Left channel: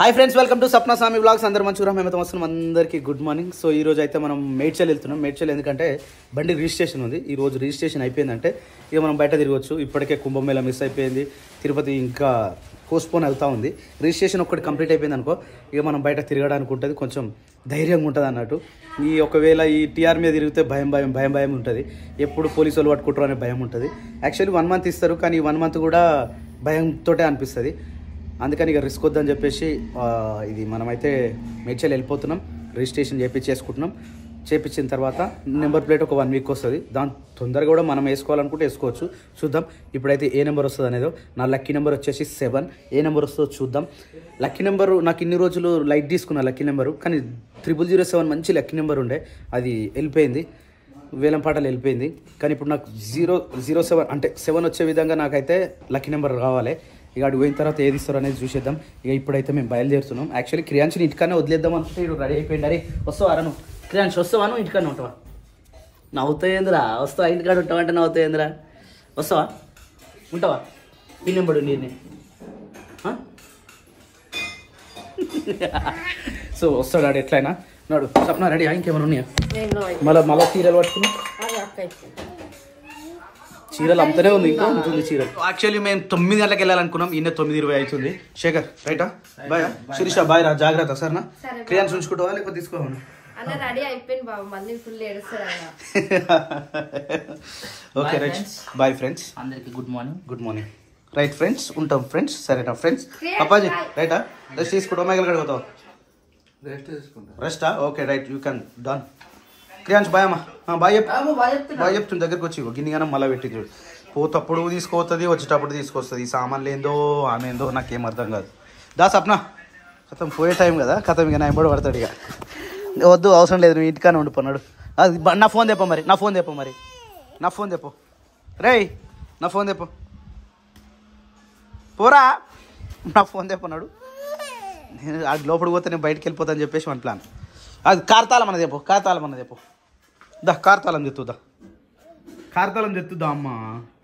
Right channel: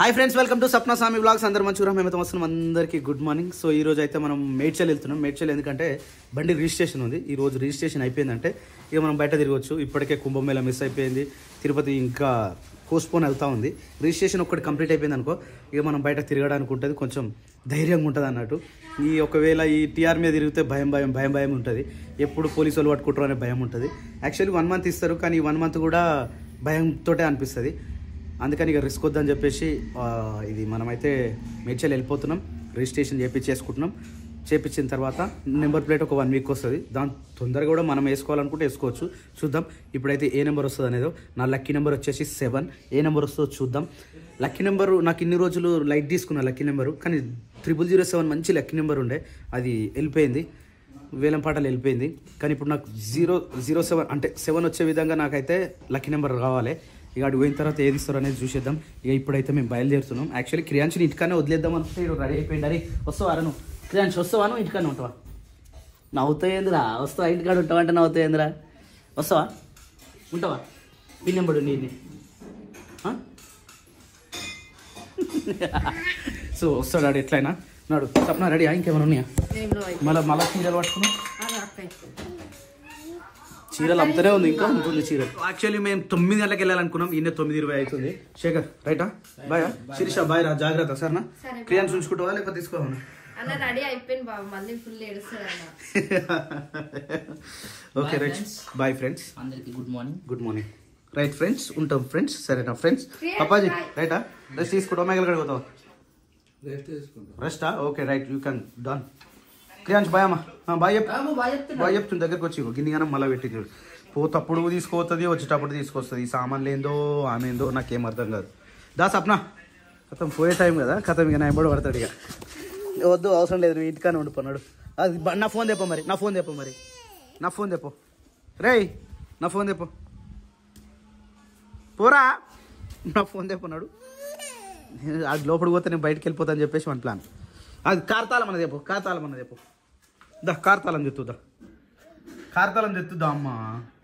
Hi friends, welcome to Sapna Swami vlogs. అందరు మంచిగా మేమైతే వస్తున్నాం. అందరికీ గుడ్ మార్నింగ్. సో ఈ రోజు అయితే మనం మేడ్చల్ వెళ్తున్నాం. మేడ్చల్ ఎందుకంటే బండి రిజిస్ట్రేషన్ ఉంది. ఈ రోజు రిజిస్ట్రేషన్ అయిపోయిందంటే ఇక మనం బయట తిరగవచ్చు. ఇప్పటికే కుంభమేళ మిస్ అయిపోయింది, తిరుపతి ఇంకా పోస్ట్పోన్ అవుతా ఉంది. రిజిస్ట్రేషన్ ఒక్కటి కంప్లీట్ అయిపోయింది అనుకో, ఇక మనం బయట తిరగడానికి ఉంటుంది, కొంచెం ధైర్యంగా ఉంటుంది అన్నట్టు. ఈ ఒకవేళ ఈ టీఆర్ మీద తిరిగితే భయం ఉంటుంది. ఎప్పుడు పోలీసు వాళ్ళు పట్టుకుంటారు అనే భయం ఉంటుంది. యాక్చువల్లీ 1 మంత్ ఇస్తారు, కానీ ఈ 1 మంత్ కూడా భయంతో అనిపిస్తుంది. అందుకని ఇక రిస్క్ వద్దని చెప్పేసి ఇది మనమైతే మేడ్చల్ వెళ్ళిపోతున్నాం. రిజిస్ట్రేషన్ చేయించేసుకుంటున్నాం. చేయించిన తర్వాత నెంబర్ ప్లేట్ ఒక 1 వీక్ వస్తుంది. దాని తొందరగా కూడా మనం వేసుకోవాలనుకుంటే వేసుకోవచ్చు. చూద్దాం ఇప్పుడైతే ఏ నెంబర్ వస్తుంది అనేది. నా లక్కీ నెంబర్ వచ్చేసి 7. ఏ నెంబర్ వస్తుందో చూద్దాం. లక్కీ నెంబరు నాకు ఇన్ని రోజులు లైట్ తీసుకున్నా లక్కీ నెంబరు, కానీ 0007 మంచి లక్కీ నెంబర్ ఉండే, అది వెళ్ళిపోయింది, వేలంపాటలు వెళ్ళిపోయింది. కానీ ఇప్పుడు నాకు 007 అంటే 7 వచ్చే విధంగా నాకైతే లక్కీ నెంబర్ కావాలి. ఇక అటు పోయిన తర్వాత ఏది ఇస్తారో అనేది చూసేద్దాం. ఇక ఇప్పుడైతే మేము బయలుదేరుతున్నాం. యాక్చువల్లీ క్రియాంశని ఇంటికన్నా వదిలేద్దాం అనుకుంటే ఇటు రెడీ అయిపోయింది. అరే వస్తావా నువ్వు? క్రియాంశ్ వస్తావా? నువ్వు ఇంటికన్నా ఉంటావా? నవ్వుతాయేంద్రా? వస్తావా? ఇంటికాడ ఉంటావంటే నవ్వుతాయేంద్రా? వస్తావా? ఉంటావా? పిన్ నెంబర్ నేను సో వస్తాడు ఆడు ఎట్లయినా. నాడు సప్న రెడీ ఇంకేమైనా ఉన్నాయా? మళ్ళీ చీరలు పట్టుకున్నాం. చీరలు అమ్ముతూనే ఉంది, ఇంకా ఉంటుంది చీరలు. యాక్చువల్లీ మేము 9 గంటలకు వెళ్ళాలనుకున్నాం. ఈయన 9:20 అవుతుంది. శేఖర్ రైటా? బాయ్. శిరీష బాయ్ రా, జాగ్రత్త సరేనా? క్రియాన్స్ ఉంచుకుంటావా లేకపోతే తీసుకోవాలి? Okay right, bye friends. అందరికి good morning. Good morning. Right friends, ఉంటాం ఫ్రెండ్స్. సరేనా ఫ్రెండ్స్? పప్పాజీ రైటా? రెస్ట్ తీసుకుంటావా? మేఘలు కడిపోతావా? రెస్టా? Okay right, you can done. Kriyansh bye అమ్మా. బాయ్ చెప్తుంది. దగ్గరకు వచ్చి గిన్నెగానే మళ్ళీ పెట్టింది. పోతప్పుడు తీసుకోవస్తుంది, వచ్చేటప్పుడు తీసుకొస్తుంది. ఈ సామాన్లు ఏందో ఆమె ఏందో నాకేం అర్థం కాదు. దా సప్న, కథం పోయే టైం కదా, కథం ఇక నా ఎంబడి పడతాడు. ఇక వద్దు, అవసరం లేదు, నువ్వు ఇంటికానే ఉండిపోన్నాడు. అది నా ఫోన్ తెప్ప మరి, నా ఫోన్ తెప్పో రే, నా ఫోన్ తెప్పో పోరా, నా ఫోన్ తెప్పన్నాడు. నేను అది లోపలికి పోతే నేను బయటకు వెళ్ళిపోతా అని చెప్పేసి మన ప్లాన్. అది కార్తాలం అన్నది చెప్పు. దా కార్తాలం చెప్తుందా? కార్తాలం చెప్తుందా అమ్మ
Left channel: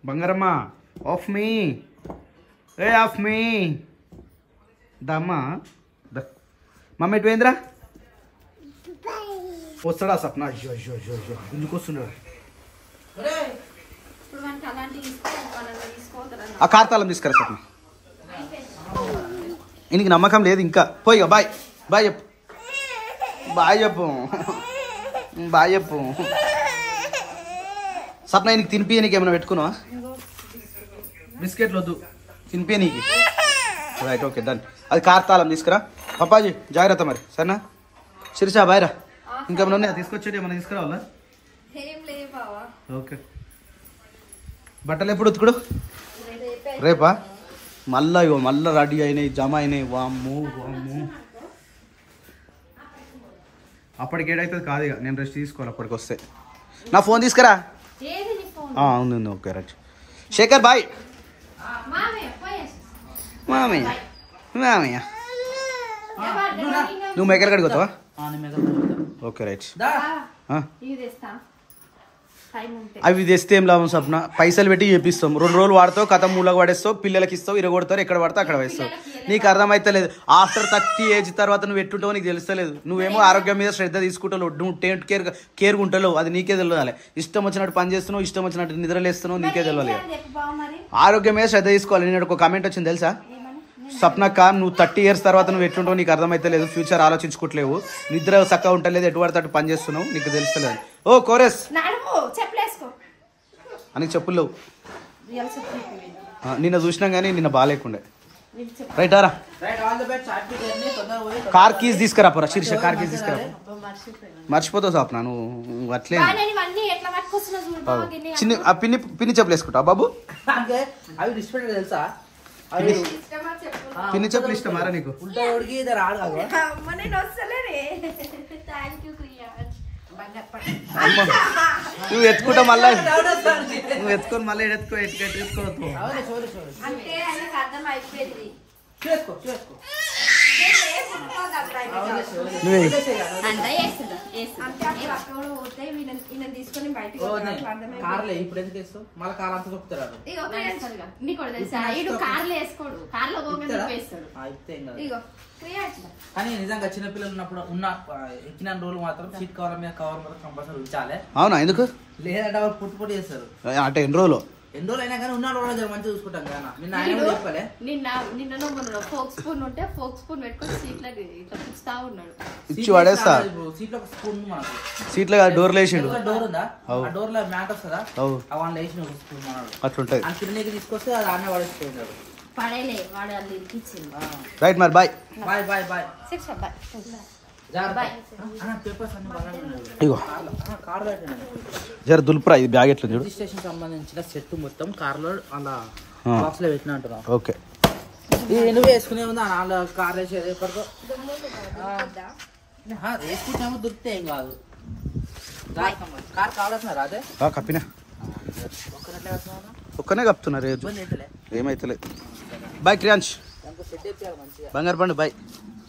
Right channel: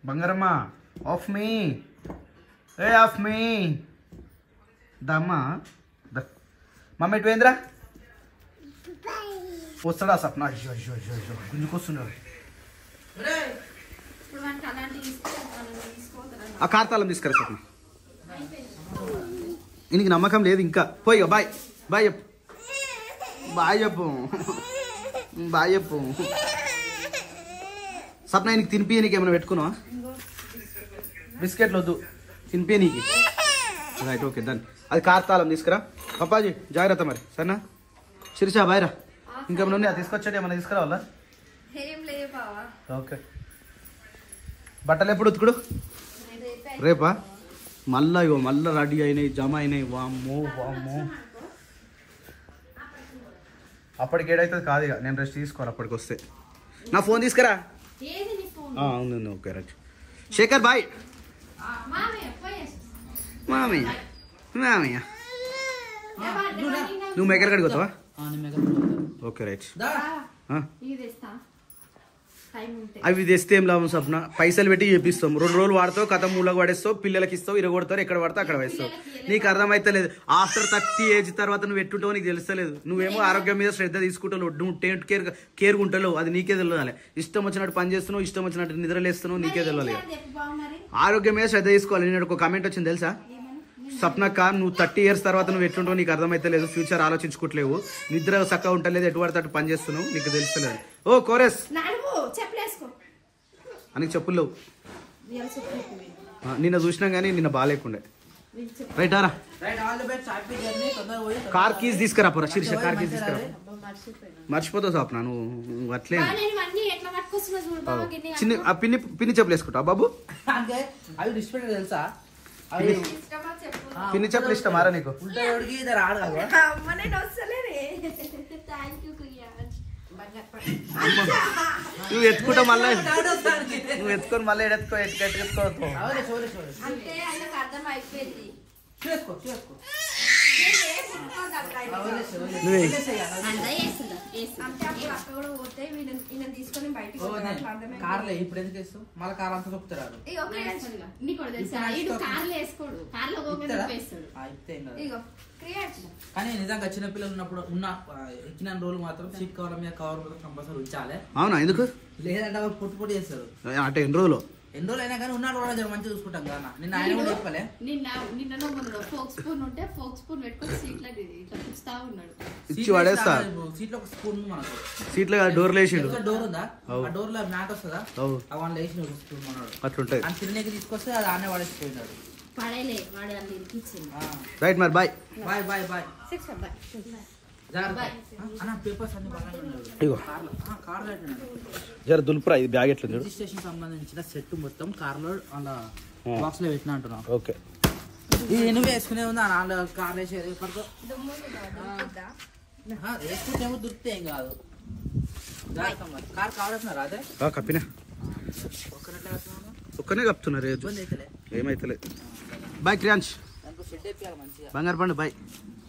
బంగారమ్మ? ఆఫ్ మీ దా అమ్మ దా. మమ్మీ ఎటు పోయిందిరా? వస్తాడా సప్న? అయ్యో ఎందుకు వస్తున్నాడు? ఆ కార్తాలం తీసుకురా సప్న. ఈయనకి నమ్మకం లేదు ఇంకా. పోయి బాయ్ చెప్పు. సప్న నీకు తినిపియనికి ఏమైనా పెట్టుకున్నావా? బిస్కెట్లు వద్దు, తినిపియనికి. Right, okay done. అది కార్తాలం తీసుకురా. పప్పాజీ జాగ్రత్త మరి, సరేనా? శిరీష బాయ్ రా. ఇంకేమైనా ఉన్నాయా తీసుకొచ్చేది? ఏమైనా తీసుకురావాలా? ఓకే. బట్టలు ఎప్పుడు ఉతుకుడు? రేపా? మళ్ళా రెడీ అయినాయి, జమ అయినాయి. వామ్మో అప్పటికి ఏడైతుంది కాదు. ఇక నేను రెస్ట్ తీసుకోవాలి అప్పటికి వస్తే. నా ఫోన్ తీసుకురా. ఉంది. Okay right. శేఖర్ బాయ్. మామయ్య నువ్వు మేకర్ కడిగి పోతావా? Okay right. అవి తెస్తే ఏం లాభం సప్న? పైసలు పెట్టి చేపిస్తాం, 2 రోజులు వాడతావు, కథ మూలకు పడేస్తావు, పిల్లలకి ఇస్తావు, ఇరగొడతారు, ఎక్కడ పడతావు అక్కడ వేస్తావు. నీకు అర్థమైతలేదు. ఆఫ్టర్ 30 ఏజ్ తర్వాత నువ్వు ఎట్టుంటావో నీకు తెలుస్తలేదు. నువ్వేమో ఆరోగ్యం మీద శ్రద్ధ తీసుకుంటావు, నువ్వు కేర్ ఉంటావు, అది నీకే తెలియాలి. ఇష్టం వచ్చినట్టు పని చేస్తున్నావు, ఇష్టం వచ్చినట్టు నిద్రలేస్తున్నావు, నీకే తెలియాలి. ఆరోగ్యం మీద శ్రద్ధ తీసుకోవాలి. నేను ఒక కామెంట్ వచ్చింది తెలుసా? సప్నక్క, నువ్వు 30 ఇయర్స్ తర్వాత నువ్వు ఎట్లుంటావు నీకు అర్థమైతలేదు, ఫ్యూచర్ ఆలోచించుకోవట్లేవు, నిద్ర చక్కగా ఉంటలేదు, ఎటువంటి పని చేస్తున్నావు నీకు తెలుస్తలేదు. ఓ కోరస్ అని చెప్పులేవు. నిన్న చూసినాం కానీ నిన్న బాగాలేకుండే. రైటారా? కార్ కీస్ తీసుకురా పోరా శీర్ష, కార్ కీస్ తీసుకురా. మర్చిపోతావు సాప్న నువ్వు అట్లే. చిన్న పిన్ని చెప్పులు వేసుకుంటావు బాబు? పిన్ని చెప్పులు ఇష్టమారా నీకు? నువ్వు ఎత్తుకుంటా మళ్ళీ, నువ్వు ఎత్తుకొని మళ్ళీ ఎత్తుకోవద్దు. కార్లే ఇప్పుడు ఎందుకు వేస్తావు మళ్ళీ కార్ అంతా తొక్కుతారు కానీ నిజంగా చిన్నపిల్లలు ఉన్నప్పుడు ఎక్కిన రోజులు మాత్రం సీట్ కవర్ మీద కవర్ మాత్రం కంపల్సరీ ఉంచాలి. అవునా? ఎందుకు? లేదంటే వాళ్ళు పుట్టి చేస్తారు. అంటే ఎన్ని రోజులు అయినా కానీ ఉన్న రోజులు మంచిగా చూసుకుంటాం కదా. నిన్న ఆయన చెప్పలే నిన్న ఫోక్ స్పూన్ ఉంటే ఫోక్ స్పూన్ పెట్టుకొని సీట్లో ఇట్లా పుచ్చుతా ఉన్నాడు. ఇచ్చి పడేస్తా. సీట్లో ఒక స్పూన్ మనకు సీట్లో డోర్ వేసిండు. డోర్ ఉందా? ఆ డోర్ లో మ్యాట్ వస్తుందా? వాళ్ళు వేసిన ఒక స్పూన్ మనడు అట్లుంటది. ఆ తిరిగి తీసుకొస్తే అది ఆనే పడేసిపోయినాడు. పడేలే వాడు అది ఇరికిచ్చింది. రైట్ మరి bye bye bye bye bye. Papers అన్ని బాగా ఇగో కార్ జర దులుపురా. ఇది బ్యాగ్ ఎట్లా చూడు. రిజిస్ట్రేషన్ సంబంధించిన సెట్ మొత్తం కార్ లో అలా బాక్స్ లో పెట్టిన అంటున్నావు. ఓకే నువ్వు వేసుకునే ఉంది అలా కార్ వేసేది ఎప్పటికో వేసుకుంటేమో దొరికితే ఏం కాదు. కార్ కావాల్సిన అదే కప్పినా ఒక్కనట్లే వస్తున్నావు. ఒక్కనే కప్తున్నారు. ఇబ్బంది అయితే ఏమైతలేదు. బాయ్ క్రియాంష్. సెట్ అయిపోయాలి మంచిగా. బంగారు పండు బాయ్.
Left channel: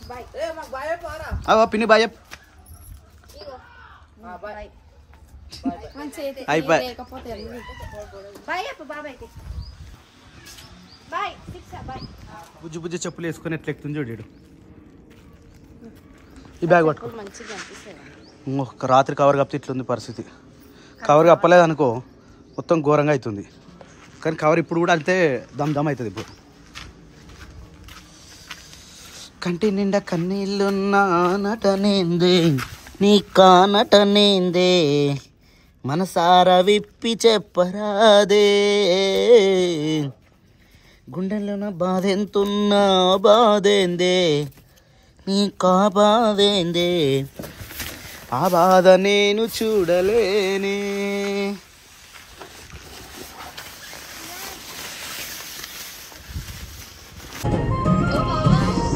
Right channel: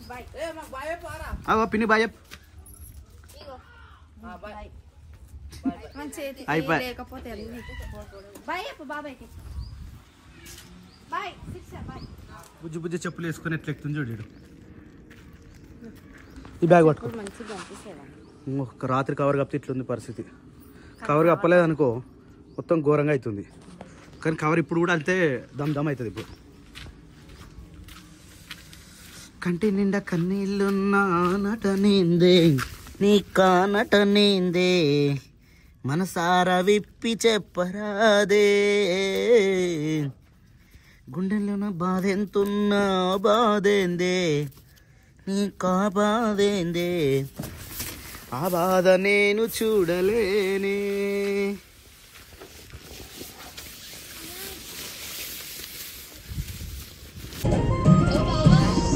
బాయ్ పిన్ని బాయ్. అయిపోయి బుజ్జి బుజ్జి చెప్పులు వేసుకొని ఎట్లా ఎక్కుతుంది చూడు. ఈ బ్యాగ్ పట్టుకో. ఒక రాత్రి కవర్ కప్పితే ఇట్లుంది పరిస్థితి. కవర్ కప్పలేదు అనుకో మొత్తం ఘోరంగా అవుతుంది. కానీ కవర్ ఇప్పుడు కూడా అంతే దమ్ దమ్ అవుతుంది. ఇప్పుడు కంటి నిండా కన్నీళ్ళున్నా నటనేందే నీ కానటనేందే మనసారా విప్పి చెప్పరాదే గుండెల్లోన బాధెంతున్నా బాధేందే నీ బాధేందే ఆ బాధ నేను చూడలేనే.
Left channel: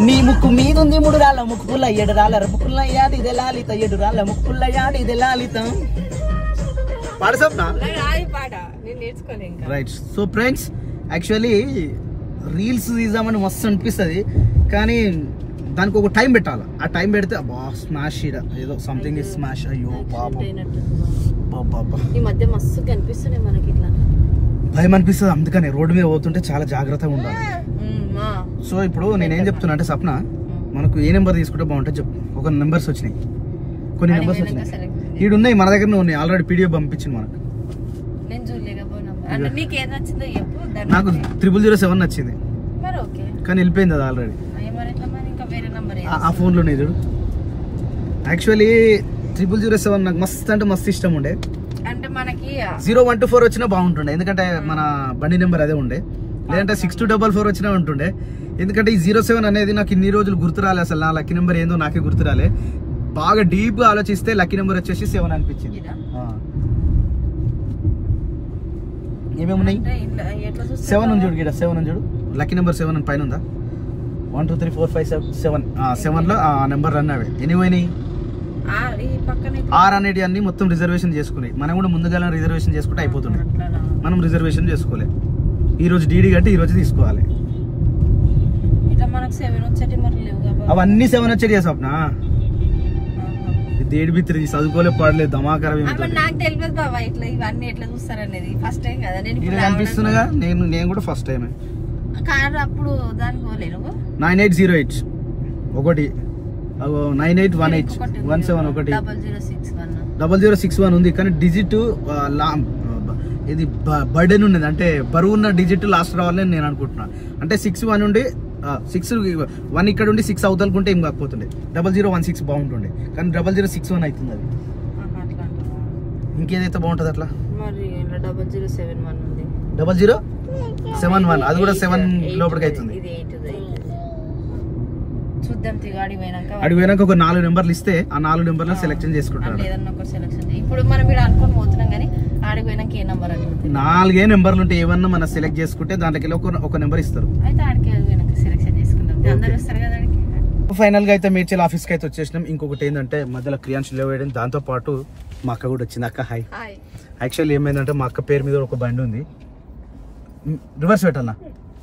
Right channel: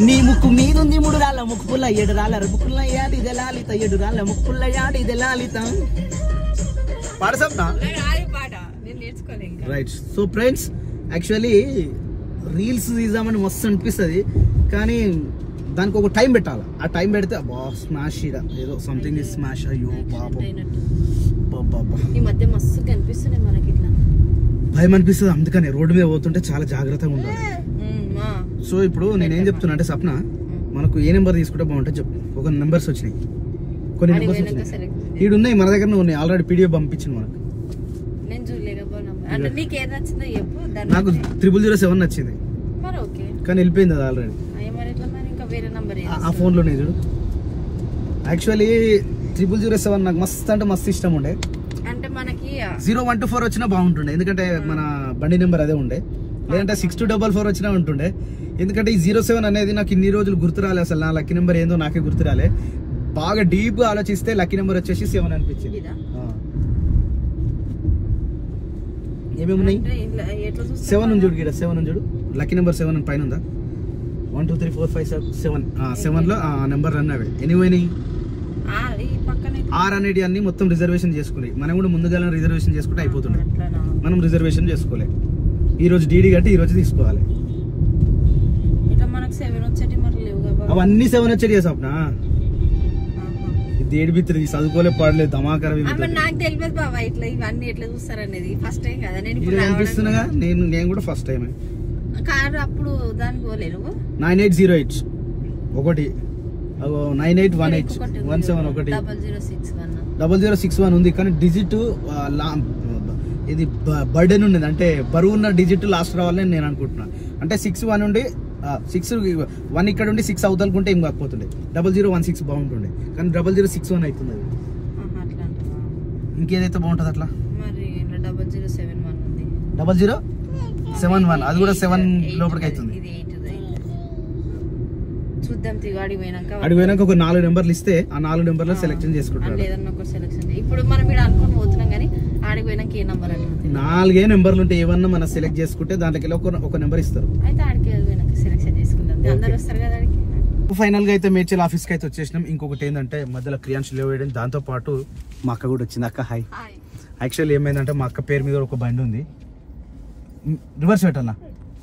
నీ ముక్కు మీదుంది 3 రాళ్ళ ముక్కు పుల్ల 7 రాళ్ళ ముక్కుల యాడి ఇదే లాలిత 7 రాళ్ళ ముక్కు పుల్ల యాడి ఇదే లాలితం. Right. So friends actually reels తీద్దామని మస్తు అనిపిస్తుంది కానీ దానికి ఒక టైం పెట్టాలి. ఆ టైం పెడితే అబ్బా స్మాష్ ఏదో సంథింగ్ ఇస్ స్మాష్. అయ్యో పాపం భయం అనిపిస్తుంది. అందుకని రోడ్డు మీద పోతుంటే చాలా జాగ్రత్తగా ఉండాలి. సో ఇప్పుడు నేనేం చెప్తున్నా అంటే సప్న మనకు ఏ నెంబర్ తీసుకుంటే బాగుంటుంది చెప్పు. ఒక నెంబర్స్ వచ్చినాయి, కొన్ని నెంబర్స్ వచ్చినాయి. ఈడు ఉన్నాయి మన దగ్గరనే ఉన్నాయి. ఆల్రెడీ పీడిఎఫ్ పంపించింది మనకు. నాకు 007 నచ్చింది కానీ వెళ్ళిపోయింది అది ఆల్రెడీ. ఆ ఫోన్లోనే చూడు. యాక్చువల్లీ 007 నాకు మస్తు అంటే మస్తు ఇష్టం ఉండే. 0124 వచ్చినా బాగుంటుండే ఎందుకంటే మన బండి నెంబర్ అదే ఉండే. లేదంటే 6244 వచ్చినా ఉంటుండే ఎందుకంటే ఈ 07 అనేది నాకు ఇన్ని రోజులు గుర్తు రాలే. అసలు నా లక్కీ నెంబర్ ఏందో నాకే గుర్తు రాలే. బాగా డీప్ గా ఆలోచిస్తే లక్కీ నెంబర్ వచ్చేసి 7 అనిపించింది. ఏమేమి ఉన్నాయి? 7 ఉంది చూడు. 7 ఉంది చూడు. లక్కీ నెంబర్ 7 అని పైన ఉందా? 1 2 3 4 5 7 7 లో ఆ నెంబర్ రన్ అవే. ఎనివైనాయి ఆర్ అనేటి అన్ని మొత్తం రిజర్వేషన్ చేసుకున్నాయి. మనం కూడా ముందుగా రిజర్వేషన్ చేసుకుంటే అయిపోతుండే. మనం రిజర్వేషన్ చేసుకోలే. ఈ రోజు డీడీ కట్టి ఈ రోజు తీసుకోవాలి. అవన్నీ 7 వచ్చేది స్వప్న. దేడి బిత్రి చదువుకోలే పాడలేదు ధమాకరం అనిపిస్తున్నాగా. నేను కూడా ఫస్ట్ టైం 9808 ఒకటి 9818 17 ఒకటి 0061 ఉంది కానీ డిజిట్ ఇది బర్డెన్ ఉండేది. అంటే బరువు ఉన్న డిజిట్ లాస్ట్ రావాలని నేను అనుకుంటున్నా. అంటే 61 ఉండి 1 ఇక్కడ ఉండి 6 అవతలకుంటే ఏం కాకపోతుండే. 0016 బాగుంటుండే కానీ 0061 అవుతుంది. అది ఇంకేదైతే బాగుంటుంది అట్లా 0071 అది కూడా 7 లోపలికి అవుతుంది. అడిగి పోయినాక ఒక 4 నెంబర్లు ఇస్తే ఆ 4 నెంబర్లు సెలెక్షన్ చేసుకుంటారు. ఇప్పుడు మనం ఇక్కడ అనుకొని పోతున్నాం కానీ ఆడికి పోయినాక ఏ నెంబర్ అంటే 4 నెంబర్లు ఉంటే ఏమన్నా మనం సెలెక్ట్ చేసుకుంటే దాంట్లోకి ఒక నెంబర్ ఇస్తారు. ఫైనల్ గా అయితే మేడ్చల్ ఆఫీస్ కి అయితే వచ్చేసినాం. ఇంకొకటి ఏంటంటే మధ్యలో క్రియాంశ్ లేవేయడం, దాంతో పాటు మా అక్క కూడా వచ్చింది. అక్క హాయ్. యాక్చువల్లీ ఏమైందంటే మా అక్క పేరు మీద ఒక బండి ఉంది. రివర్స్ పెట్టాలా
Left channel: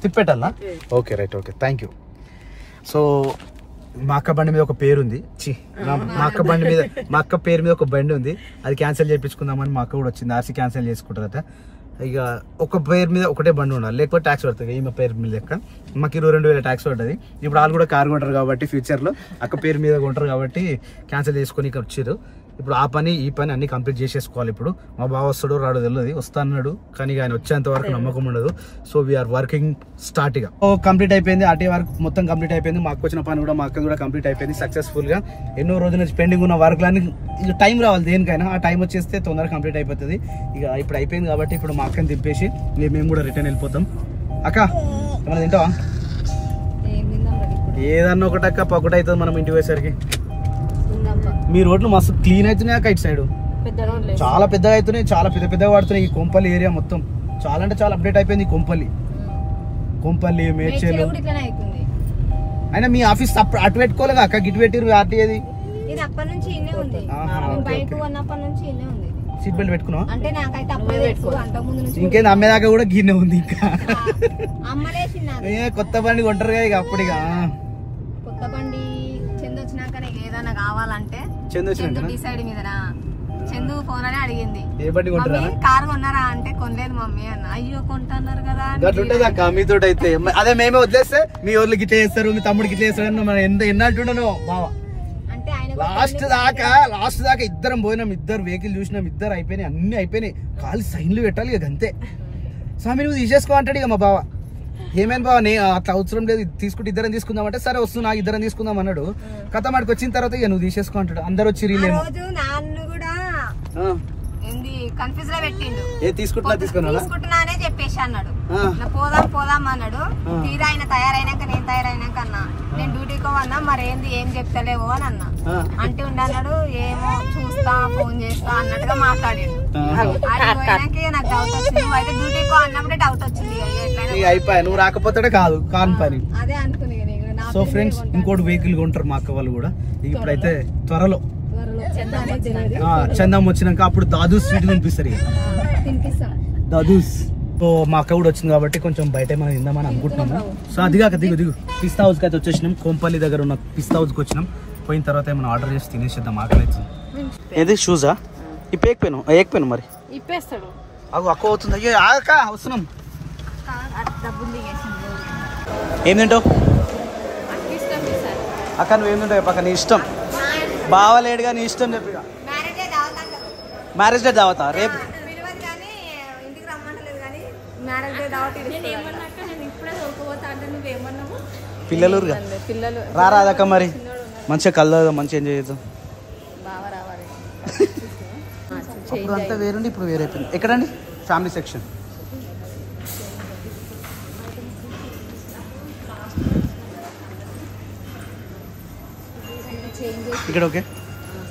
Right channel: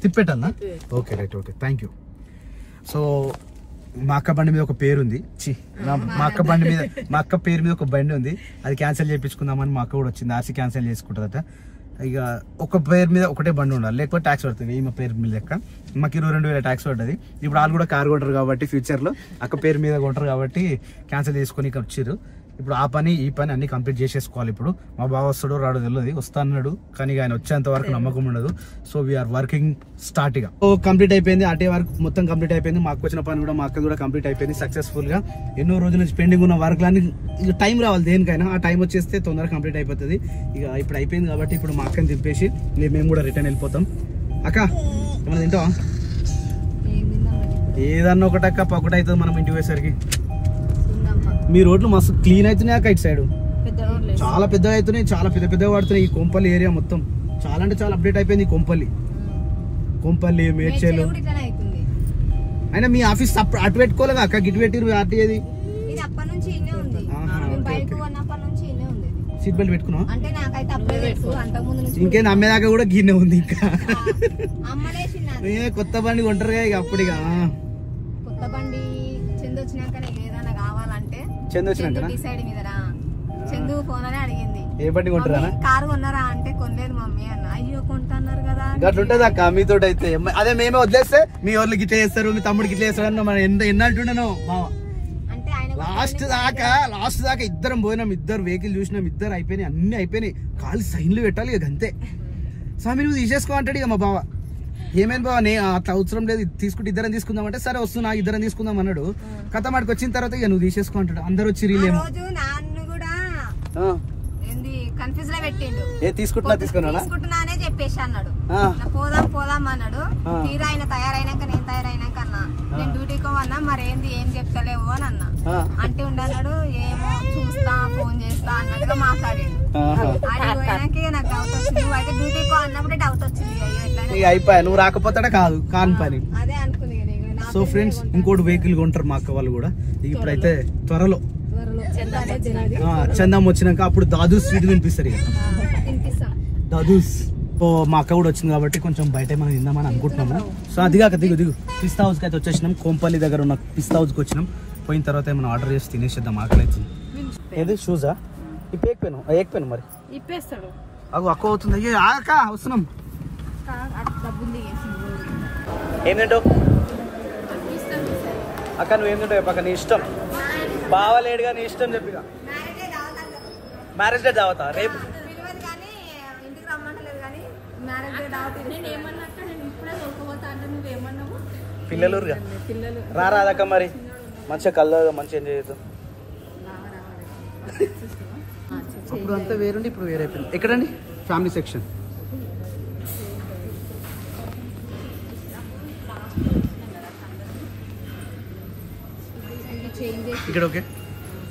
తిప్పెట్టాలా? Okay right okay thank you. So మా అక్క బండి మీద ఒక పేరు ఉంది. మా అక్క బండి మీద మా అక్క పేరు మీద ఒక బండి ఉంది, అది క్యాన్సిల్ చేయించుకుందామని మా అక్క కూడా వచ్చింది. ఆర్సీ క్యాన్సిల్ చేసుకుంటుందట. ఇక ఒక పేరు మీద ఒకటే బండి ఉండాలి, లేకపోతే ట్యాక్స్ పడుతుంది. ఈమె పేరు మీద లెక్క మాకు 22,000 ట్యాక్స్ పడుతుంది. ఇప్పుడు వాళ్ళు కూడా కారు కొంటారు కాబట్టి ఫ్యూచర్లో అక్క పేరు మీద కొంటారు కాబట్టి క్యాన్సిల్ చేసుకొని ఇక్కడ వచ్చారు. ఇప్పుడు ఆ పని ఈ పని అన్ని కంప్లీట్ చేసేసుకోవాలి. ఇప్పుడు మా బావ వస్తాడో రాడో తెలియదు, వస్తా అన్నాడు కానీ ఆయన వచ్చేంత వరకు నమ్మకం ఉండదు. So we are working start. ఇక కంప్లీట్ అయిపోయింది, ఆర్టీ వర్క్ మొత్తం కంప్లీట్ అయిపోయింది. మాకు వచ్చిన పని కూడా మా అక్క కూడా కంప్లీట్ అయిపోయింది సక్సెస్ఫుల్ గా. ఎన్నో రోజుల నుంచి పెండింగ్ ఉన్న వర్క్లన్నీ ఇక టైం రావాలి దేనికైనా, ఆ టైం వచ్చేస్తే తొందరగా కంప్లీట్ అయిపోతుంది. ఇక ఇప్పుడు అయిపోయింది కాబట్టి ఇప్పుడు మా అక్కని దింపేసి మేము కూడా రిటర్న్ వెళ్ళిపోతాం. అక్క ఏమన్నా తింటావా? ఏదన్నా ఒకటి అక్క పక్కట అవుతుంది మనం ఇంటికి పోయేసరికి. మీ రోడ్లు మస్తు క్లీన్ అవుతున్నాయి అక్క, ఇటు సైడ్ చాలా పెద్దగా అవుతున్నాయి, చాలా పెద్దగా పడుతున్నాయి. ఈ కొంపల్లి ఏరియా మొత్తం చాలా అంటే చాలా అప్డేట్ అయిపోయింది. కొంపల్లి మేడ్చేలు అయినా మీ ఆఫీస్ అటు పెట్టుకోలేదా అక్క? గిట్ పెట్టిరు ఆర్టీఏది సీట్ బెల్ట్ పెట్టుకున్నావా? ఇంకేం అమ్మేదాకా కూడా గిన్నె ఉంది ఇంకా. కొత్త బండి కొంటారు ఇక అప్పుడు. ఇక కొత్త బండి చందు వచ్చినాక ఏదైనా కావాలంటే చందు డిసైడ్ మీదనా చందు ఫోన్ అని అడిగింది, ఏ బండి కొంటారా? కారు కొన్నారా అంటే కొనలేదు మమ్మీ అన్న. అయ్యో కొంటున్నారు కదా అట్లుంటది అక్క మీతో అయితే. అదే మేమే వదిలేస్తే మీ వాళ్ళు గిట్ల చేస్తారు, మీ తమ్ముడు గిట్ల చేస్తారు అని మనం ఎన్నట్టుండను బావ. అంటే ఆయన లాస్ట్ దాకా ఇద్దరం పోయినాం, ఇద్దరు వెహికల్ చూసినాం, ఇద్దరు అయిపోయినాయి, అన్ని అయిపోయినాయి. కాళ్ళు సైన్లు పెట్టాలి ఇక అంతే. స్వామి నువ్వు తీసేసుకో అంటాడు ఇక మా బావ. ఏమైనా బావ అట్లా అవసరం లేదు, తీసుకుంటే ఇద్దరం తీసుకుందాం అంటే సరే వస్తున్నా ఇద్దరం తీసుకుందాం అన్నాడు. కథ మాడికి వచ్చిన తర్వాత ఇక నువ్వు తీసేసుకో అంటాడు. అందరు వచ్చి రీలేమో కన్ఫ్యూజ్ లో పెట్టిండు. తీసుకుంటున్నానే చెప్పేసి అన్నాడు, పోదాం అన్నాడు. తీరా ఆయన తయారైనాక నేను తయారైనాక అన్నా నేను డ్యూటీకి పోవన్నా మరి ఏం చెప్తలేవు అని అన్నా. అంటే ఉండన్నాడు ఏమో చూస్తా ఫోన్ చేస్తా అన్నట్టుగా మాట్లాడాడు. అది పోయినాక నాకు డౌట్ వచ్చింది. నువ్వు అయితే డ్యూటీకి అన్నప్పుడే డౌట్ వచ్చింది. అయిపోయా నువ్వు రాకపోతాడే కాని పని. అదే అనుకునే. సో ఫ్రెండ్స్ ఇంకోటి వెహికల్ కొంటారు మా అక్క వాళ్ళు కూడా. ఇప్పుడైతే త్వరలో చందం వచ్చినాక అప్పుడు దాదూస్ స్వీట్ తినిపిస్తారు ఇక దాదూస్. సో మా అక్క కూడా వచ్చింది కాబట్టి కొంచెం బయట మనం తిందామని అనుకుంటున్నాము. సో అదిగాక దిగు పిస్తా హౌస్కి అయితే వచ్చేసినాం. కోంపల్లి దగ్గర ఉన్న పిస్తా హౌస్కి వచ్చినాం. పోయిన తర్వాత ఏమైనా ఆర్డర్ చేసి తినేసేద్దాం, ఆకలి వచ్చింది. ఏది షూజా ఏకపోయాను మరి ఇప్పేస్తాడు. అక్క అవుతుంది. అయ్యో ఆగక్క వస్తున్నాం. ఏం తింటావు అక్క? నువ్వేం తింటావు పక్క నీ ఇష్టం. బావలేడుగా నీ ఇష్టం చెప్పి. మ్యారేజ్ డే దావతా రేపు పిల్లలు రాదక్క మరి మంచిగా కలదా మంచిగా ఎంజాయ్ చేద్దాం. అప్పుడు అంతా వేరుండి ఇప్పుడు వేరైపోయింది. ఎక్కడండి ఫ్యామిలీ సెక్షన్? ఇక్కడ ఓకే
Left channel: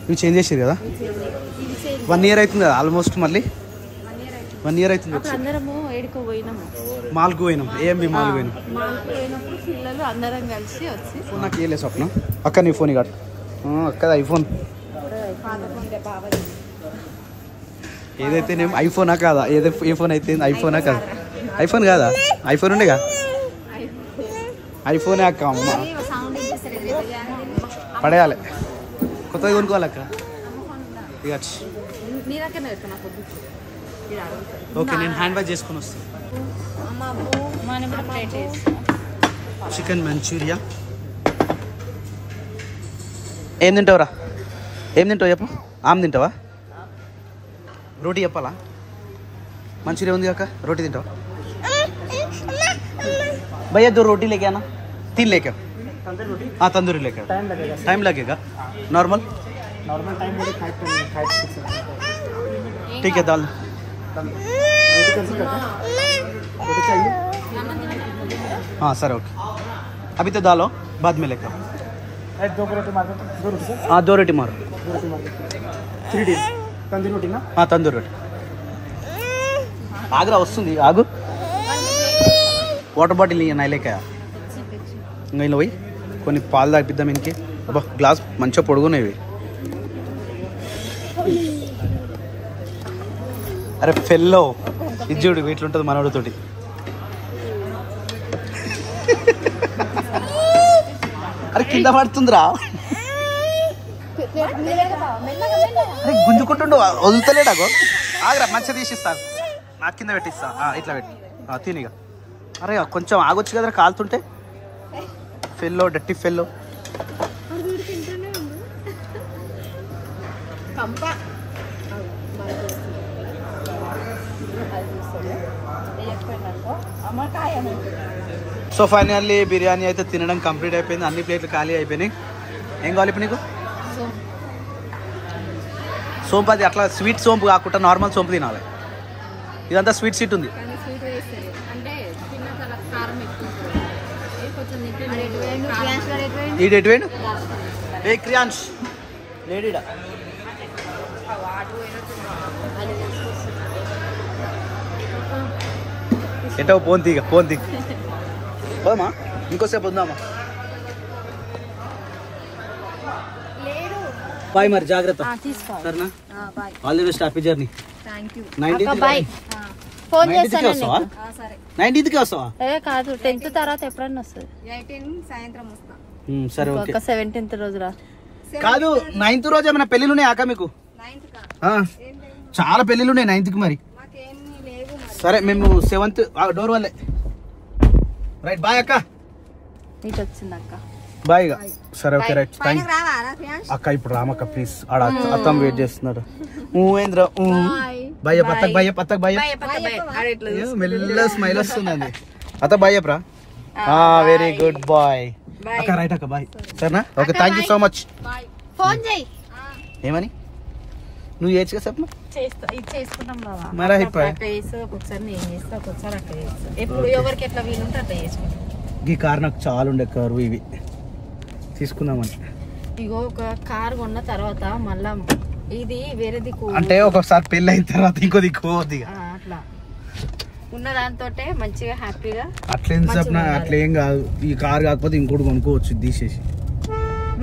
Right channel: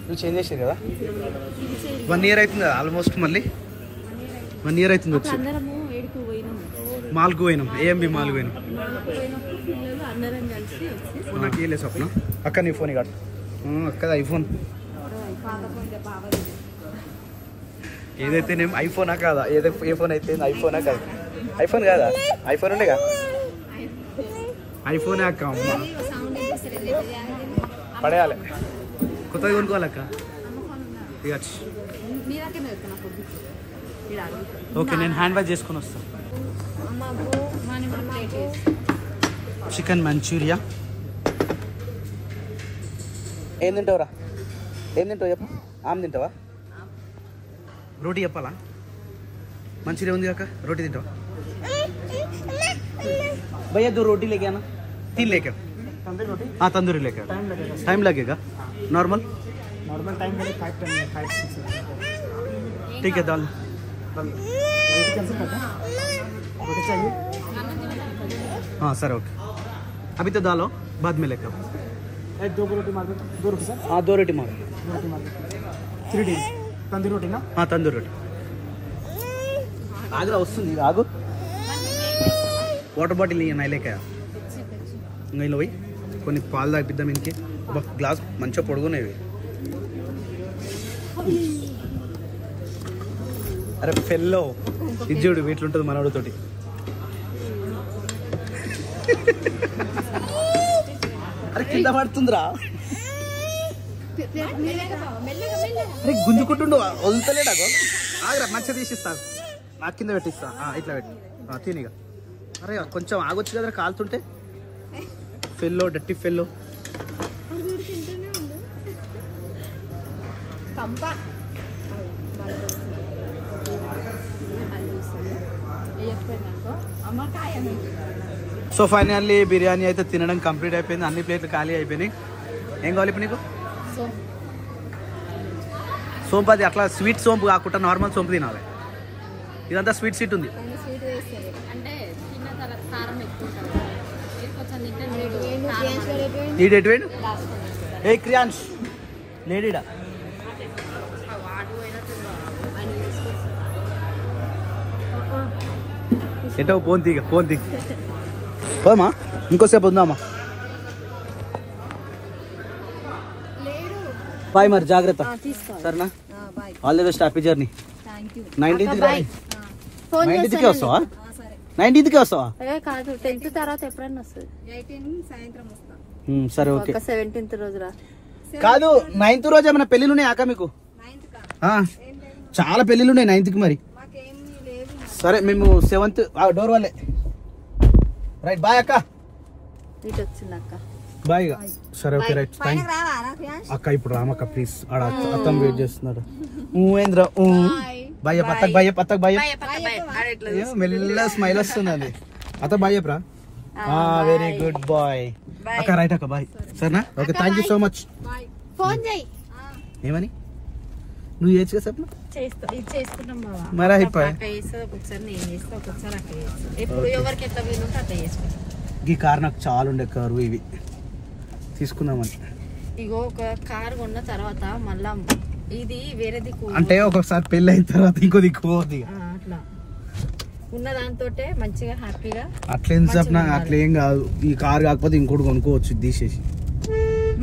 ఇవి చేంజ్ చేసారు కదా. 1 year అవుతుంది కదా ఆల్మోస్ట్. మళ్ళీ 1 year అవుతుంది వచ్చి మాల్కు పోయినాం. ఏఎంబి మాల్ పోయినాం. నాకు ఏ లేదు స్వప్న. అక్క నీ ఫోన్ కట్టు అక్క ఐఫోన్ ఏదైతే నేను ఐఫోనా కాదా? ఏదో ఏ ఫోన్ అయితే ఐఫోనా కాదా? ఐఫోన్ కాదా? ఐఫోన్ ఉండే కదా ఐఫోనే అక్క. అమ్మ పడేయాలి కొత్తగా కొనుక్కోవాలక్క. ఇక ఓకే నేను హ్యాండ్ వాష్ చేసుకొని వస్తాను. Chicken manchuria. ఏం తింటావురా? ఏం తింటావు చెప్పు. ఆమ్ తింటావా? రోటీ చెప్పాలా? మంచూరియా ఉంది అక్క. రోటీ తింటావా? भैया 2 रोटी लेके आना. 3 लेके हाँ तंदूरी लेके टाइम लगेगा. नॉर्मल टाइम बोले 5-6. ठीक है दाल रोटी कैंसिल कर रोटी चाहिए? हाँ सर ओके. अभी तो दाल हो बाद में लेकर 2 रोटी मार 2 रोटी सर. हाँ 2 रोटी मार 3 डील तंदूरी रोटी ना. हाँ तंदूरी रोटी. आगरा वस्तुंदी आगु వాటర్ బాటిల్ నైలేక ఇంకా పోయి కొన్ని పాలు తాగిద్దాం. ఇంకే అబ్బా గ్లాస్ మంచిగా పొడుగునేవి. అరే ఫెల్లో ఇది చూడు ఎట్లుంటుంది మనోడితోటి. అరే కింద పడుతుందిరా. అరే గుంజుకుంటుండు వదులుతలేడాగో. ఆగరా మంచిగా తీసిస్తాను, నా కింద పెట్టిస్తా. ఇట్లా పెట్టి తినిగా. అరే కొంచెం ఆగొచ్చు కదరా కాలుతుంటే. ఫెల్లో డట్టి ఫెల్లో. సో ఫైనల్లీ బిర్యానీ అయితే తినడం కంప్లీట్ అయిపోయింది. అన్ని ప్లేట్లు ఖాళీ అయిపోయినాయి. ఏం కావాలి ఇప్పుడు నీకు? సోంపు. అది అట్లా స్వీట్ సోంపు కాకుండా నార్మల్ సోంపు తినాలి. ఇదంతా స్వీట్ సీట్ ఉంది. ఈ డేట్ వేయండి. ఏ క్రియాన్స్ లేడీడా ఎటో పోంతి ఇక పోంతి పోమా. ఇంకోసేపు ఉందామా. బాయ్ మరి జాగ్రత్త సరేనా. All the best. Happy journey. 19కి వస్తావా? 19కి వస్తావా? కాదు 10th తర్వాత ఎప్పుడన్నా వస్తుంది. 18 సాయంత్రం వస్తా. సరే ఓకే. 17th రోజు రా. కాదు 9th రోజు ఏమైనా పెళ్ళిళ్ళు ఉన్నాయి అక్క మీకు? 9th చాలా పెళ్ళిళ్ళు ఉన్నాయి 9th మరి. సరే మేము 7th డోర్ వాళ్ళే. రైట్ బాయ్ అక్క. బాయ్. సరే ఓకే రైట్. అక్క ఇప్పుడు రామక్క ప్లీజ్. ఆడ అత్తం వెయిట్ చేస్తున్నాడు. ఏంద్ర బాయ్ పత్తక్ బాయ్ పత్తక్ బాయ్. మెల్ల స్మైల్ వస్తుందండి. పత్తక్ బాయ్ చెప్పరా. వెరీ గుడ్ బాయ్ అక్క. రైట్ అక్క బాయ్. సరేనా okay. Thank you so much. ఏమని నువ్వు ఏడ్చుగా చెప్పు. మరి అయిపోయి ఈ కార్ నాకు చాలా ఉండే కారు. ఇవి తీసుకుందామని. ఇగో ఒక కార్ కొన్న తర్వాత మళ్ళా ఇది వేరే దిక్కు అంటే ఒక్కొక్కసారి పెళ్లి అయిన తర్వాత ఇంకో దిక్కు పోద్ది. అట్లా ఉన్న దాంతో మంచిగా హ్యాపీగా. అట్లేం చెప్పిన అట్లేం కాదు. ఈ కార్ కాకపోతే ఇంకోటి కొనుక్కోవచ్చు తీసేసి.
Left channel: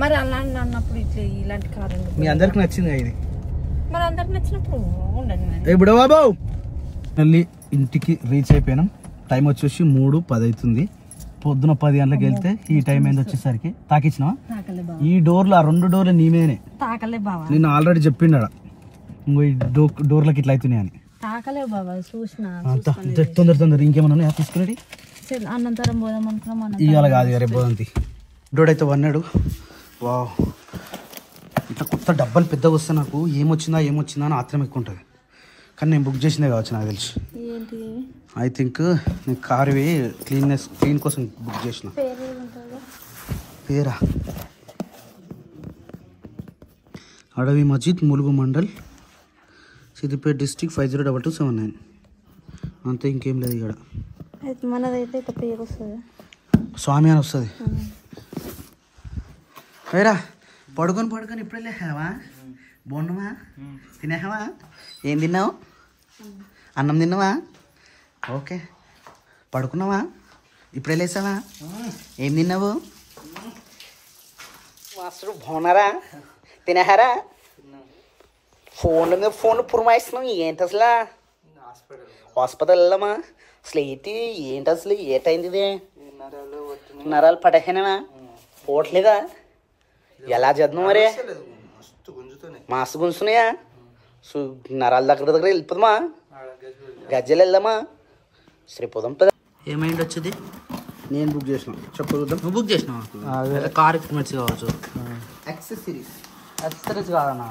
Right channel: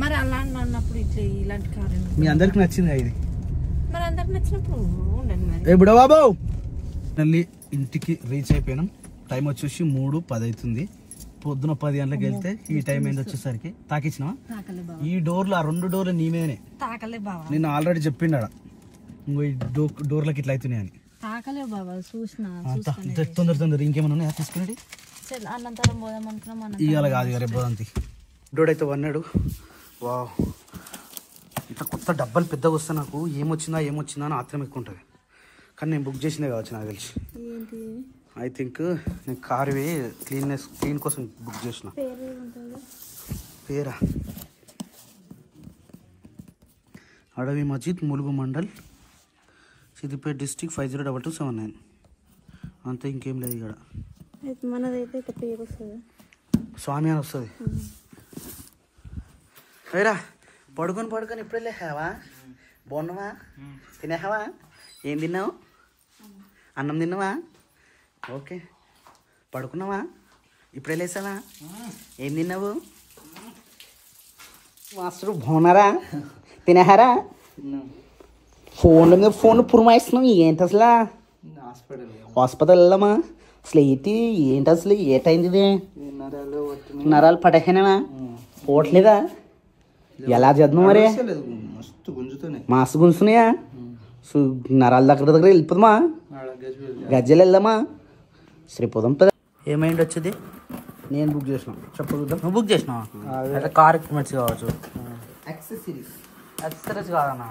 మరి అలా అన్నప్పుడు ఇలాంటి కార్ మీ అందరికి నచ్చింది ఇది? మరి అందరికి నచ్చినప్పుడు ఉండండి. ఇప్పుడు బాబు మళ్ళీ ఇంటికి రీచ్ అయిపోయినాం. టైం వచ్చేసి 3:10 అవుతుంది. పొద్దున 10 గంటలకు వెళ్తే ఈ టైం అయింది వచ్చేసరికి. తాకిచ్చినా ఈ డోర్లు, ఆ 2 డోర్లు నీ మీదనే తాకలే బాబా. నిన్న ఆల్రెడీ చెప్పిండా ఈ డోర్లకి ఇట్లా అవుతున్నాయి అని. తాకలే బాబా చూసిన. తొందర ఇంకేమన్నా తీసుకునేది అన్నంతరం పోదాం అనుకున్నాం. ఇవాళ కాదు రేపు పోదంతి. డోడైతే వన్నాడు. వా ఇట్లా కొత్త డబ్బాలు పెద్దగా వస్తే నాకు ఏమొచ్చిందా అని ఆత్రం ఎక్కువ ఉంటుంది. కానీ నేను బుక్ చేసిందే కావచ్చు నాకు తెలిసి. ఐ థింక్ నేను కార్వి క్లీన్ కోసం బుక్ చేసిన. పేరా అడవి మస్జిద్, ములుగు మండల్, సిద్దిపేట డిస్ట్రిక్ట్ 502279. అంతే, ఇంకేం లేదు ఇక్కడ. మనదైతే పేరు వస్తుంది, స్వామి అని వస్తుంది. వేరా పడుకొని ఇప్పుడే లేవా? బాగున్నావా? తినేవా? ఏం తిన్నావు? అన్నం తిన్నావా? ఓకే. పడుకున్నావా? ఇప్పుడే లేసావా? ఏం తిన్నావు? మాస్టర్ బాగున్నారా? తినేహారా? ఫోన్లు పురమాయిస్తున్నావు ఏంటి అసలు? హాస్పిటల్ వెళ్ళామా? అసలు ఏంటి అసలు ఏటైంది? నరాలు పటకేనా? పోవట్లేదా? ఎలా చేద్దాం మరి? మస్తు గుంజుతున్నాయా? నరాల దగ్గర వెళ్ళిపోదామా? గజ్జలు వెళ్దామా? శ్రీపోదాం. ఏమైంది వచ్చేది? నేను బుక్ చేసిన. చెప్పు చూద్దాం. నువ్వు బుక్ చేసినావా? అయితే కార్ ఎక్విప్మెంట్స్ కావచ్చు. యాక్సెసరీస్ కాదన్నా,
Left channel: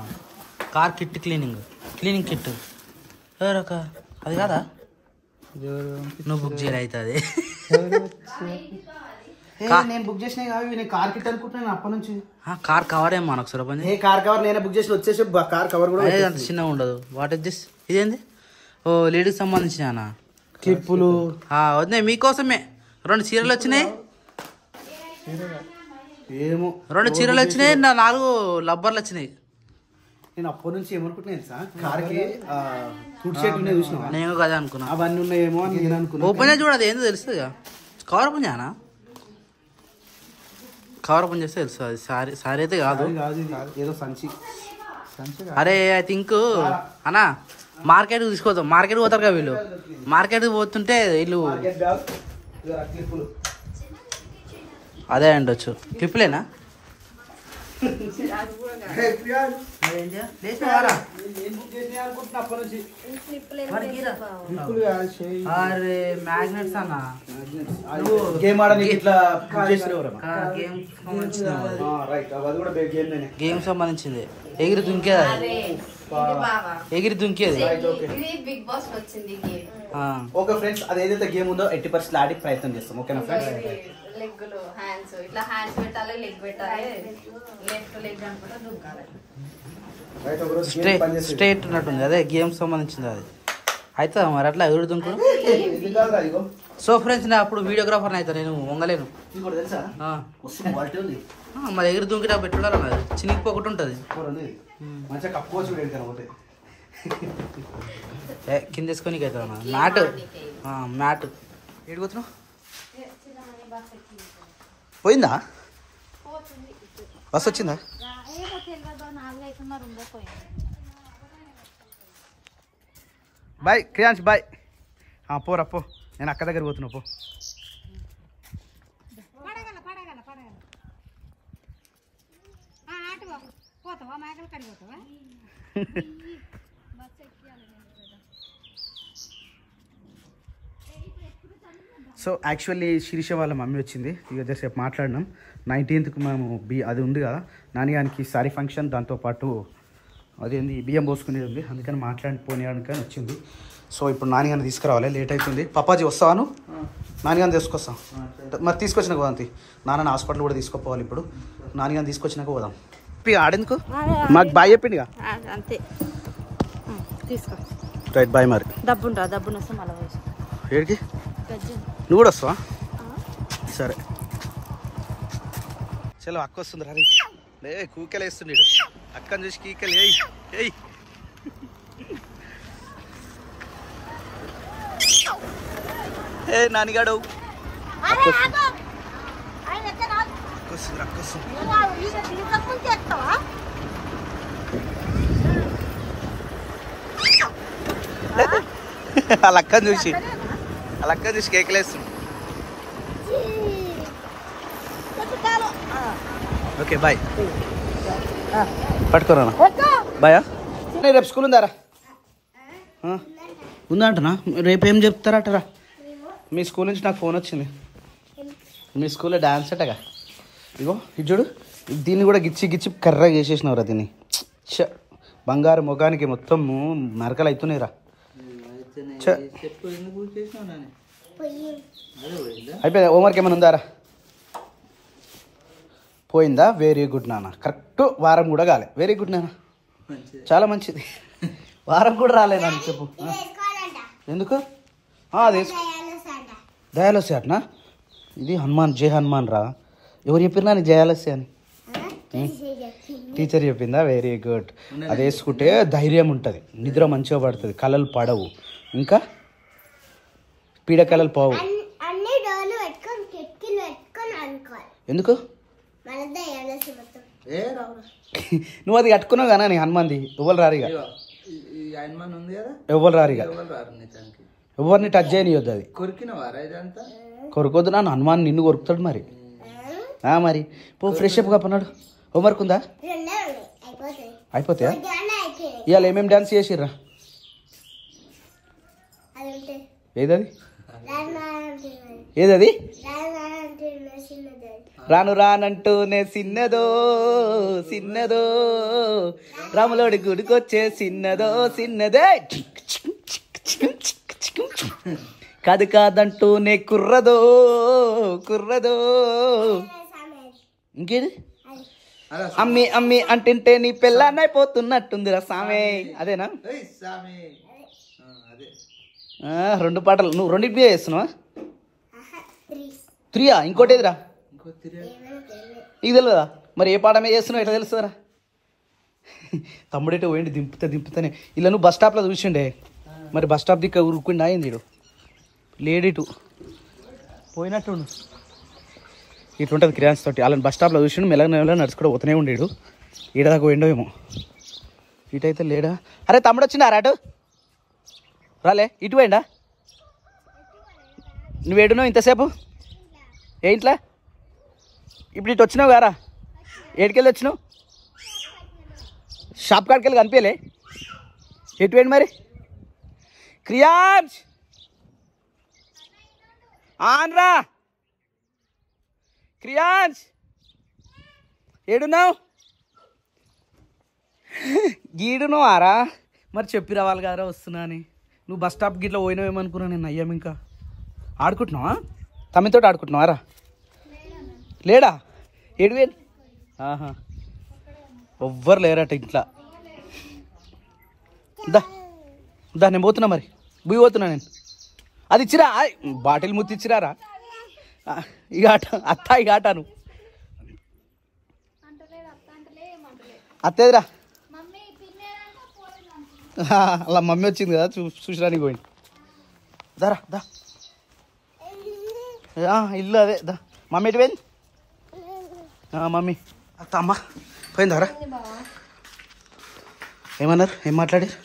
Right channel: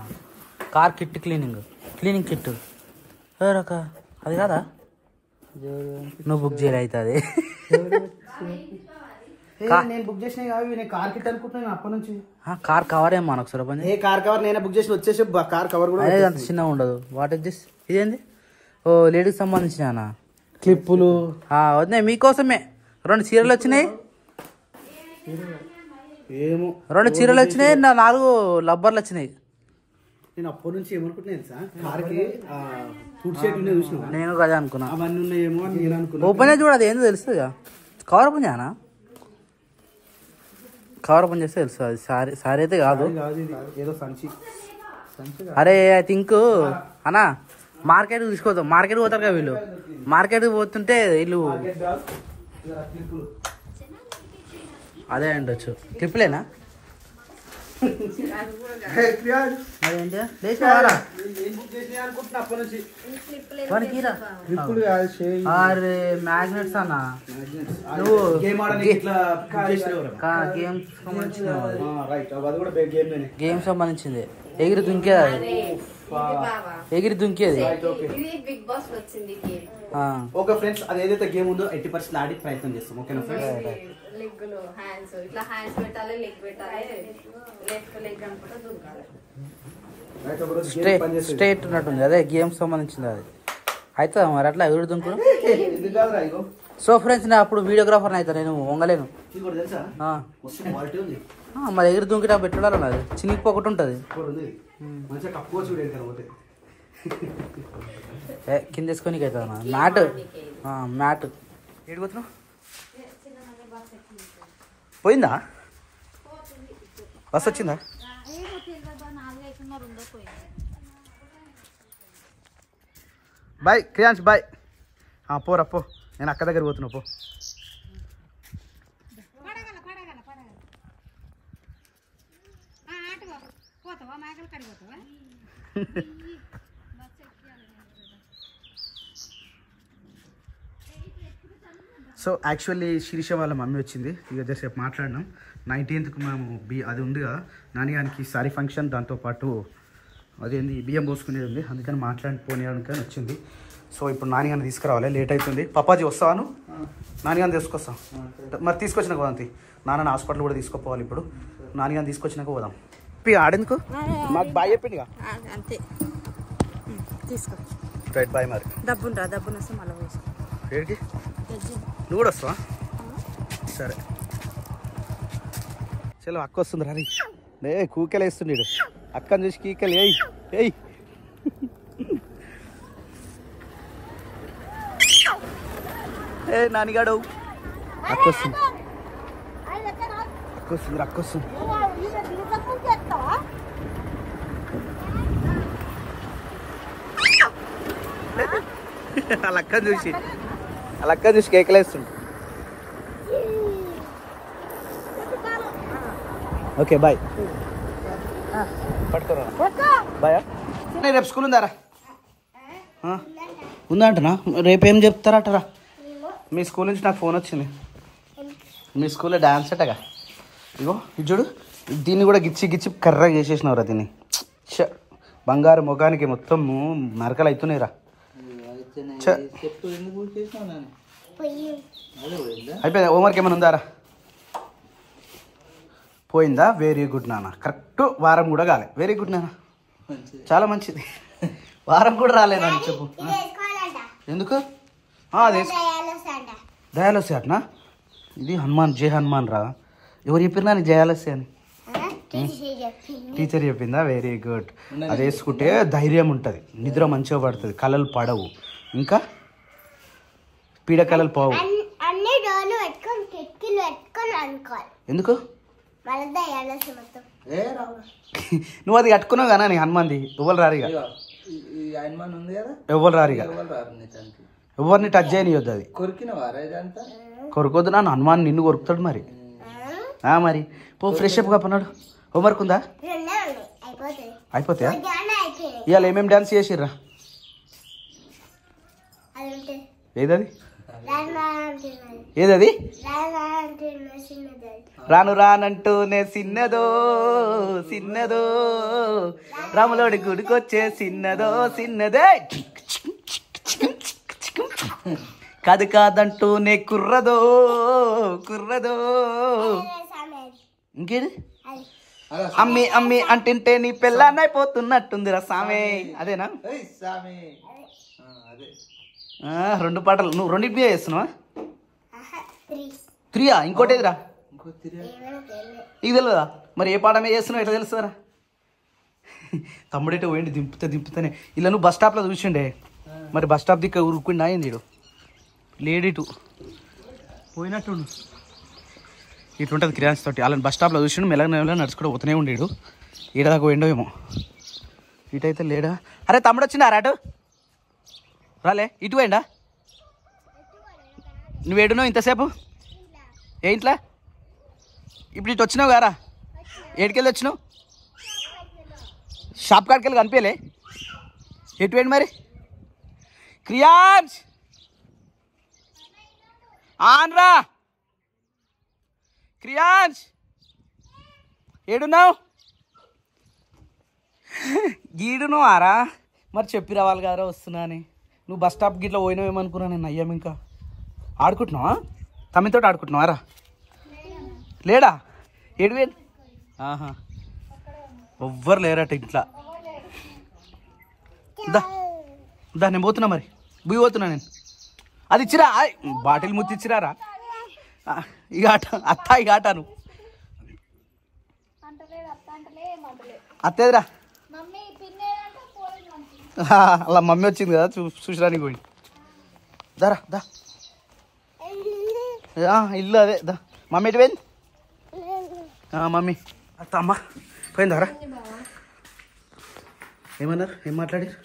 కార్ కిట్, క్లీనింగ్ కిట్. రక అది కాదా? నువ్వు బుక్ చేయలే అయితే అది. నేను బుక్ చేసిన కార్ కిట్ అనుకుంటున్నాను అప్పటి నుంచి. కార్ కవర్ ఏమో ఒకసారి పని. కార్ కవర్ నేనే బుక్ చేసి వచ్చేసి కార్ కవర్ కూడా అంత చిన్నగా ఉండదు. What is this? ఇదేంది? ఓ లేడీకి సంబంధించిన క్లిప్పులు వద్దాయి మీకోసమే. 2 చీరలు వచ్చినాయి, ఏమో 2 చీరలు వచ్చినాయి, 4 లబ్బర్లు వచ్చినాయి. నేను అప్పటి నుంచి ఏమనుకుంటున్నాను సార్, కార్కి ఫుడ్ షేట్ ఉన్నాయి చూసినా, నేను కదా అనుకున్నా అవన్నీ ఉన్నాయేమో అని నేను అనుకున్నా. ఓపెన్ చేసి చూడదు ఏందో తెలుస్తుంది. కవర్ ఓపెన్ చేయనా? కవర్ ఓపెన్ చేస్తే తెలుస్తుంది. సారీ అయితే కాదు, ఏదో సంచి. అరే ఐ థింక్ అన్నా మార్కెట్కి తీసుకోవద్దాం. మార్కెట్కి పోతారు కదా వీళ్ళు. మార్కెట్కి పోతుంటే వీళ్ళు అదే ఉండొచ్చు. క్లిప్లేనా? అరే మ్యాగ్నెట్స్ అన్న నువ్వు గేమ్ ఆడని ఇట్లా గేమ్ సంబంధించింది ఎగిరి దుంకేది ఎగిరి దుంకేది బిగ్ బాస్ వచ్చింది ఓకే ఫ్రెండ్స్ అది ఏదైతే గేమ్ ఉందో 80% ఆడి ప్రయత్నం చేస్తాం ఓకేనా ఫ్రెండ్స్ లెగ్గులు హ్యాండ్స్ ఇట్లా హ్యాండ్స్ పెట్టాలి లెగ్ పెట్టాలి లెగ్ అనుకుంటే దుంకాలి స్ట్రేట్ ఉన్నట్టుంది అదే గేమ్ సంబంధించింది అది అయితే మరి అట్లా ఎదురు దుంకుడు సో ఫ్రెండ్స్ నేను అప్పుడు వీడియోగ్రాఫర్ అయితే నేను వంగలేను మరి ఎగిరి దుంకినా పెట్టుడాలి మరి చినిగిపోకుండా ఉంటుంది మంచిగా కప్పుకోవచ్చు కింద వేసుకొని అవుతుంది మ్యాట్ మ్యాట్ ఏడుకోతున్నావు పోయిందా బస్ వచ్చిందా బాయ్ క్రియాంశ్ బాయ్ పోరా పో నేను అక్క దగ్గర పోతున్నా పో సో యాక్చువల్లీ శిరీష వాళ్ళ మమ్మీ వచ్చింది ఇక జస్ట్ మాట్లాడినాం 19th మేము అది ఉంది కదా నాన్నగానికి సారీ ఫంక్షన్ దాంతోపాటు అదేంది బియ్యం పోసుకునేది ఉంది అందుకని పోనీయడానికి వచ్చింది సో ఇప్పుడు నాన్నగారిని తీసుకురావాలి లేట్ అవుతుంది పప్పాజీ వస్తాను నాన్నగారిని తీసుకొస్తాం మరి తీసుకొచ్చినాక పోదాం నాన్న హాస్పిటల్ కూడా తీసుకుపోవాలి ఇప్పుడు నాన్నగారిని తీసుకొచ్చినాక పోదాం ఆడేందుకు మాకు బాయ్ చెప్పింది అంతే తీసుకో రైట్ బాయ్ మరి డబ్బు ఏడికి నువ్వు కూడా వస్తావా సరే చలో అక్క వస్తుంది రా కూకెలు వేస్తుండే అక్కని చూసి కీకెలు ఏయ్ ఏ నానిగాడు అక్కొస్తుంది వాళ్ళ అక్కని చూసి కేకలేస్తుంది ఓకే బాయ్ పట్టుకోరా బాయా రేపు స్కూల్ ఉందారా ఉందా అంటనా రేపేం చెప్తారటరా మీ స్కూల్ నుంచి నాకు ఫోన్ వచ్చింది మీ స్కూల్లో డాన్స్ అట్టగా ఇగో ఇది చూడు దీన్ని కూడా గిచ్చి కర్రగా చేసేసినవరా దీన్ని బంగారు ముఖానికి మొత్తం మరకలు అవుతున్నాయిరా అయిపోయిందా హోంవర్క్ ఏమైనా ఉందారా పోయిందా వెరీ గుడ్ నాన్న కరెక్ట్ వారం కూడా కాలే వెరీ గుడ్ నాన్న చాలా మంచిది వారం కూడా రాలేదని చెప్పు ఎందుకు అదే దయాలస్య అట్నా ఇది హనుమాన్ జై హనుమాన్ రా ఎవరు చెప్పినా నీకు జయాలస్య అని టీచర్ చెప్పిందా వెరీ గుడ్ అది వేసుకుంటే ధైర్యం ఉంటుంది నిద్ర మంచిగా పడుతుంది కళలు పడవు ఇంకా పీడ కళలు పోవు ఎందుకు నువ్వు అది కట్టుకున్నావు కదా నీ హనుమాన్ది ఎవరు రారిగా ఎవరు రారిగా ఎవరిని టచ్ చేయనియొద్దు అది కొరకొద్దు నాన్న హనుమాన్ నిన్ను కొరుకుతాడు మరి మరి పో ఫ్రెష్ అప్ కప్పన్నాడు హోంవర్క్ ఉందా అయిపోతే ఇవాళ ఏమేమి డాన్స్ చేసిర్రా ఏదది రాను రానంటూనే సిన్నదో రాములోడి గుడికొచ్చే సిన్నదే కాదంటూనే కుర్రదో ఇంకేది అమ్మి అంటుంటే నీ పెళ్ళాన్నైపోతున్నట్టుందిరా సామే అదేనా రెండు పాటలు నువ్వు రెండింటి బిఏ చేస్తున్నావా 3 ఇంకోటి ఎదురా ఇది తెలియదా మరి ఏ పాట మీద చేస్తున్నావు ఎట్లా తెలుస్తారా తమ్ముడేటో పోయింది దింపుతానే ఇలా నువ్వు బస్ స్టాప్లో చూసిండే మరి బస్ స్టాప్ దిక్క ఉరుక్కుండి అయింది లేడీటు పోయినట్టు ఇటుంటుంది క్రియాన్స్ తోటి వాళ్ళని బస్ స్టాప్లో చూసిండు మెల్లగా నడుచుకుంటూ పోతూనే ఉండేడు ఈడదాకా పోయిండో ఏమో ఇటైతే లేడా అరే తమ్ముడు వచ్చిందా అటు రాలే ఇటు పోయిండా నువ్వేడున్నావు ఇంతసేపు ఏంట్లా ఇప్పుడు ఇటు వచ్చినావు గారా ఏడికెళ్ళి వచ్చినావు షాప్ కాడికి వెళ్ళి కనిపించలే ఎటువంటి మరి క్రియాన్స్ ఆన్రా క్రియాన్స్ ఏడున్నావు గీడును ఆరా మరి చెప్పి రావాలి గారా వస్తున్నా అని నువ్వు బస్ స్టాప్ గిట్లా పోయినావేమనుకున్నా నేను అయ్యాము ఇంకా ఆడుకుంటున్నావా తమ్మితో ఆడుకుంటున్నావా రా లేడా ఏడు ఆహా ఎవ్వరు లేరట ఇంట్లో దా నేను పోతున్నా మరి బుయ్యి పోతున్నా నేను అది ఇచ్చిరా బాటిల్ ముత్తి ఇచ్చిరారా ఈ ఆట అత్త ఈ ఆటను అత్తేదిరా అలా మమ్మీ వచ్చింది కదా చూసడానికి పోయింది దారా దా ఇల్లు అదే దా మమ్మీ ఎటు పోయింది మమ్మీ అత్త అమ్మ పోయిందారా ఏమన్నారు ఏం మాట్లాడారు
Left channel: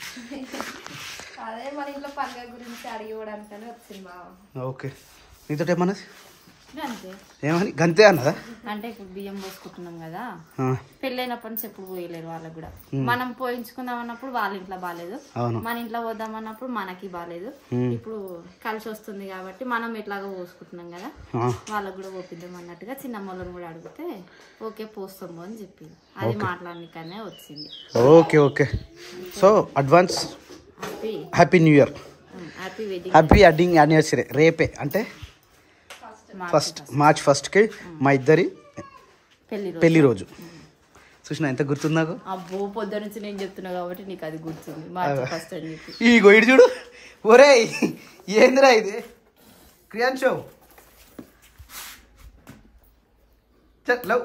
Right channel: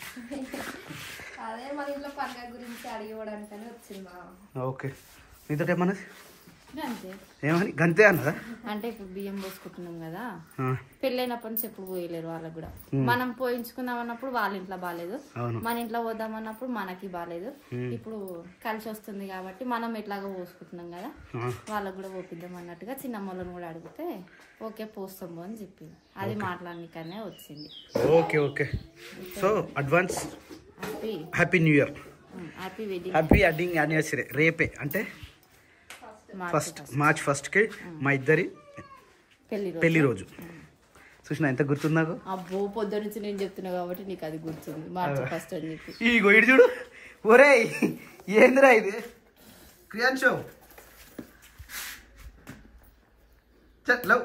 అదే మన ఇంట్లో పండుగ గురించి అడిగివ్వడానికని వచ్చింది బావ ఓకే నీతో ఏమన్నది గంతే ఏమని గంతే అన్నదా అంటే ఇప్పుడు బియ్యం పోసుకుంటున్నాం కదా పెళ్ళైనప్పటి నుంచి ఎప్పుడు పోయలేరు వాళ్ళకి కూడా మనం పోయించుకుందాం అన్నప్పుడు వాళ్ళ ఇంట్లో బాగాలేదు మన ఇంట్లో పోదాం అన్నప్పుడు మనకి బాగాలేదు ఇప్పుడు కలిసి వస్తుంది కాబట్టి మనం ఎట్లాగో పోసుకుంటున్నాం కదా వాళ్ళకి కూడా పోపిద్దాం అన్నట్టుగా చిన్నమ్మలను కూడా అడిగితే ఓకే పోస్తాము అని చెప్పింది అది మాట్లాడనికనే వచ్చింది okay okay so advance happy new year happy wedding anniversary రేపే అంటే ఫస్ట్ మార్చ్ 1కి మా ఇద్దరి పెళ్లి రోజు చూసిన ఎంత గుర్తుంది నాకు అబ్బో పొద్దు నుంచి నేను చెప్తున్నా కాబట్టి నీకు అది గుర్తుంది మార్చ్ 1 అని చెప్పి ఈ గొయ్యి చూడు ఒరే ఏందిరా ఇది క్రియాన్షో లవ్